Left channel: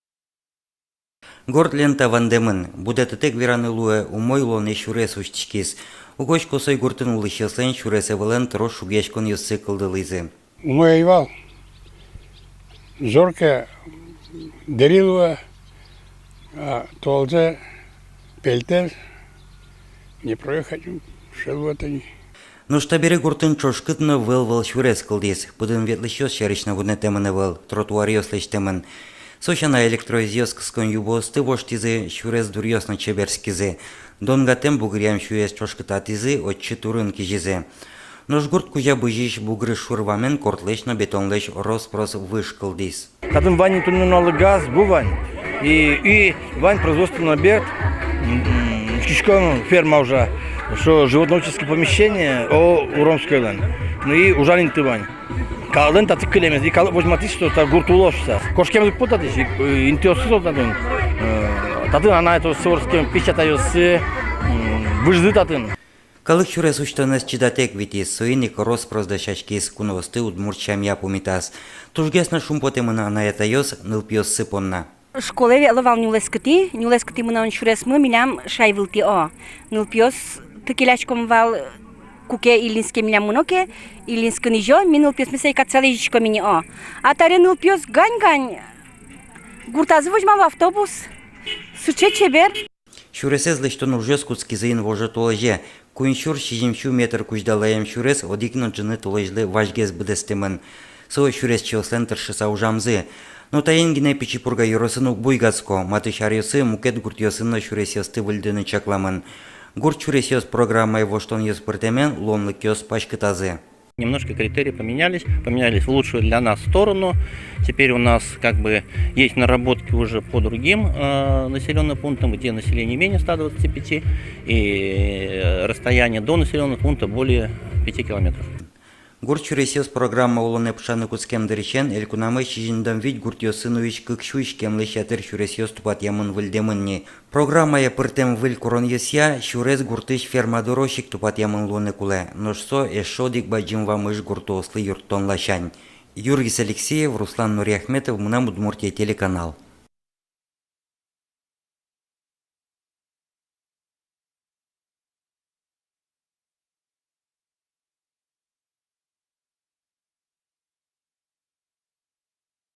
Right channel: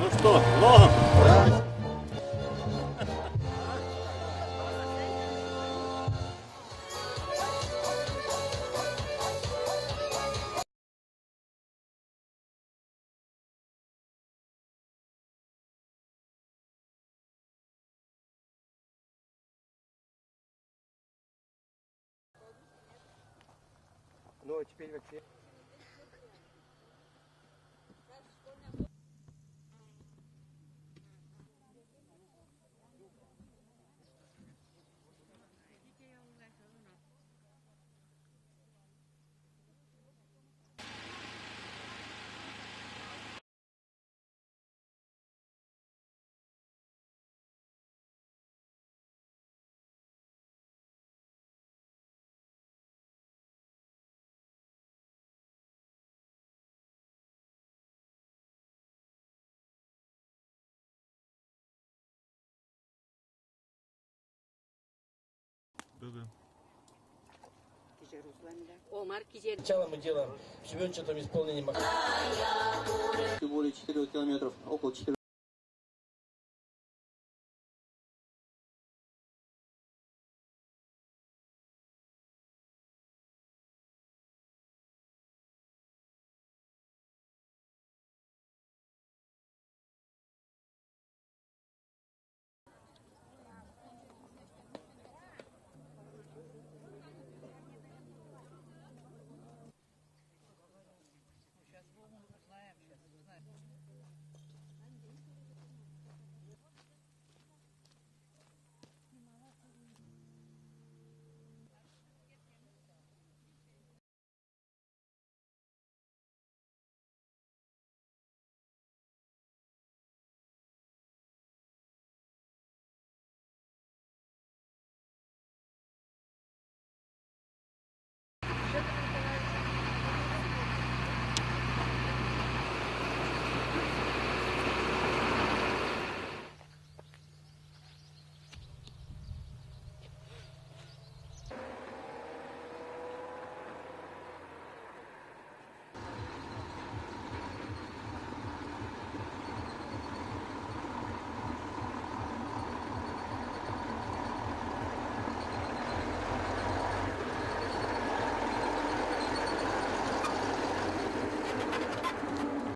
Ну что, логом? Горд лента вандемын, буде тетек виранылуе умойлоны шурес ушчкис. Угоч косой гуртын улышылсын шуресе вылен трош шубешкон юссы колдылызе. Умоевал. Зорка дарилова, а толзе пельтер не проехать шелватани. Ну штабере гуртын чошкытны выл шурес кылдис. Будын ветлышёс шарична гудне темыны выл, тротуар ёслыш темын. Сошана электроизёс кыскон юбосты воштизы шурес дурьёсна чеберскизы. Донгатем бугрям шурес чошкытатизы отчы турын кижизы. Нож гурт кузя быжиш бугры шурвамен кортлешна бетонлеш роспрос вышкылдис. Kadın Вань туннелы газ, bu Вань. И Вань производственный объект, Кишкон ферма уже, что животноводческое помещение, Уромской лен. Ну и ужалин ты Вань. Калын татык келемез, и калып возьматись, что та гуртулошса. Кошкемдик путатись, интиосы солдатын. Татын ана это сорским пищатайосы, выжды татын. Калык шурес уштанес чидатек витис, соиник роспрос дашачкис куновосты удмурчам япумитас. Тужгесна шумпотемына на это ёс нылпьёс сыпонна. Школе веловал нюлескати мына шурес мы милям шайвылти о. Нылпьёс тыкилячком вал куке илинске милям муноке, илинске нижо, ми нылпьёс месей кацалежичко мини о. А таре нылпьёс гань-гань. Гуртазы возьмал автобус. Суче чебер. Шуресез лештон ужёс куцкизыин воже толеже. Куиншур шижимшу метр куждалаем шурес одикно джыны толежлы важгез бдестемын. Со шурес чилсен тыршыса ужамзы. Но таенгине пичипурга юросынук буйгацко, маты шарьосы мукет гуртьосынна шуресёсты выльдыны чакламын. Гурт шуресёс программай воштон ёс пыртемен ломлык ёс пачкытазы. Немножко критерии поменялись в лучшую для нас сторону. Теперь у нас как бы есть наработки уже по другим населенным пунктам, где население менее 125 и расстояние до населенных пунктов более 5 километров. Гурт шуресёс программа улоны пшаны куцкем дыречен, элькунамы шижиндан вить гуртьосыныуич кыкшуич кемлы шатыр шуресёс тупат ямын выльдемынни. Программая пыртем выль курон ёсья, шурес гуртыш фермадорошик тупат ямын лоны куле. Ношсо эшодик баджим вамыш гуртослы юртон лашань. Юргис Алексеев, Руслан Нуриахметов, Мунам Удмуртия телеканал.